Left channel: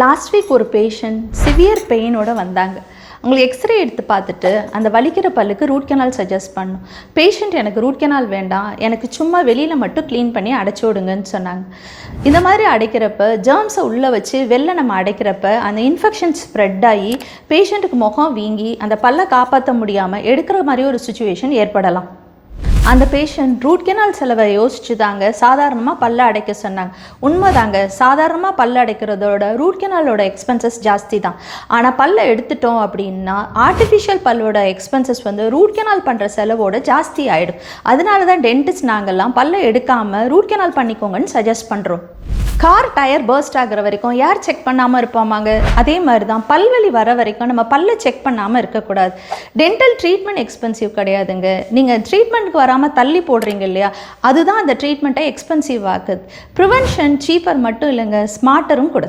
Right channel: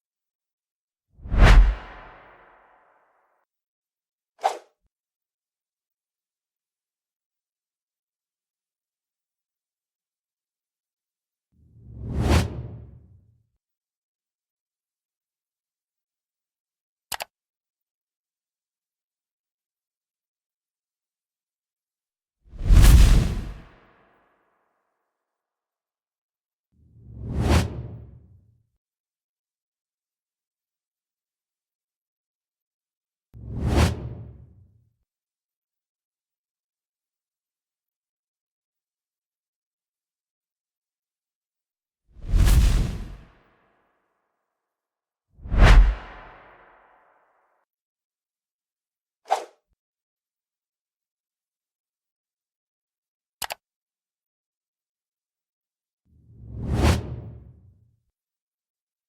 Last week ஒரு patient severe பெயினோட வந்தாங்க. அவங்களுக்கு எக்ஸ்ரே எடுத்து பார்த்துட்டு அந்த வலிக்கிற பல்லுக்கு ரூட் கெனால் சஜஸ்ட் பண்ணோம். பேஷண்ட் எனக்கு ரூட் கெனால் வேண்டாம், எனக்கு சும்மா வெளியில் மட்டும் க்ளீன் பண்ணி அடைச்சி விடுங்கன்னு சொன்னாங்க. இந்த மாதிரி அடைக்கிறப்ப ஜெர்ம்ஸை உள்ளே வச்சு வெளில நம்ம அடைக்கிறப்ப அந்த இன்ஃபெக்ஷன் ஸ்ப்ரெட் ஆகி பேஷண்ட்டுக்கு முகம் வீங்கி அந்த பல்லை காப்பாற்ற முடியாமல் எடுக்கிற மாதிரி ஒரு சுச்சுவேஷன் ஏற்படலாம். அந்த பேஷண்ட் ரூட் கெனால் செலவை யோசிச்சு தாங்க சாதாரணமாக பல்ல அடைக்க சொன்னாங்க. உண்மைதாங்க, சாதாரணமாக பல்ல அடைக்கிறதோட ரூட் கெனாலோட எக்ஸ்பென்சஸ் ஜாஸ்தி தான். ஆனால் பல்ல எடுத்துட்டோம் அப்படின்னா ஆர்டிஃபிஷியல் பல்லோட எக்ஸ்பென்சஸ் ரூட் கெனால் பண்ணுற செலவோட ஜாஸ்தி ஆகிடும். அதனால தான் டென்டிஸ்ட் நாங்கள்லாம் பல்ல எடுக்காமல் ரூட் கெனால் பண்ணிக்கோங்கன்னு சஜஸ்ட் பண்ணுறோம். கார் டயர் பர்ஸ்ட் ஆகிற வரைக்கும் யார் செக் பண்ணாமல் இருப்பாமாங்க? அதே மாதிரி தான் பல்வலி வர வரைக்கும் நம்ம பல்லை செக் பண்ணாமல் இருக்கக்கூடாது. டென்டல் ட்ரீட்மெண்ட் எக்ஸ்பென்சிவ் கிடையாதுங்க. நீங்கள் ட்ரீட்மெண்ட்டுக்கு வராமல் தள்ளி போடுறீங்க இல்லையா, அதுதான் அந்த ட்ரீட்மெண்ட்டை எக்ஸ்பென்சிவ் ஆகுது. ப்ரிவென்ஷன் சீப்பர் மட்டும் இல்லைங்க, ஸ்மார்ட்டரும் கூட.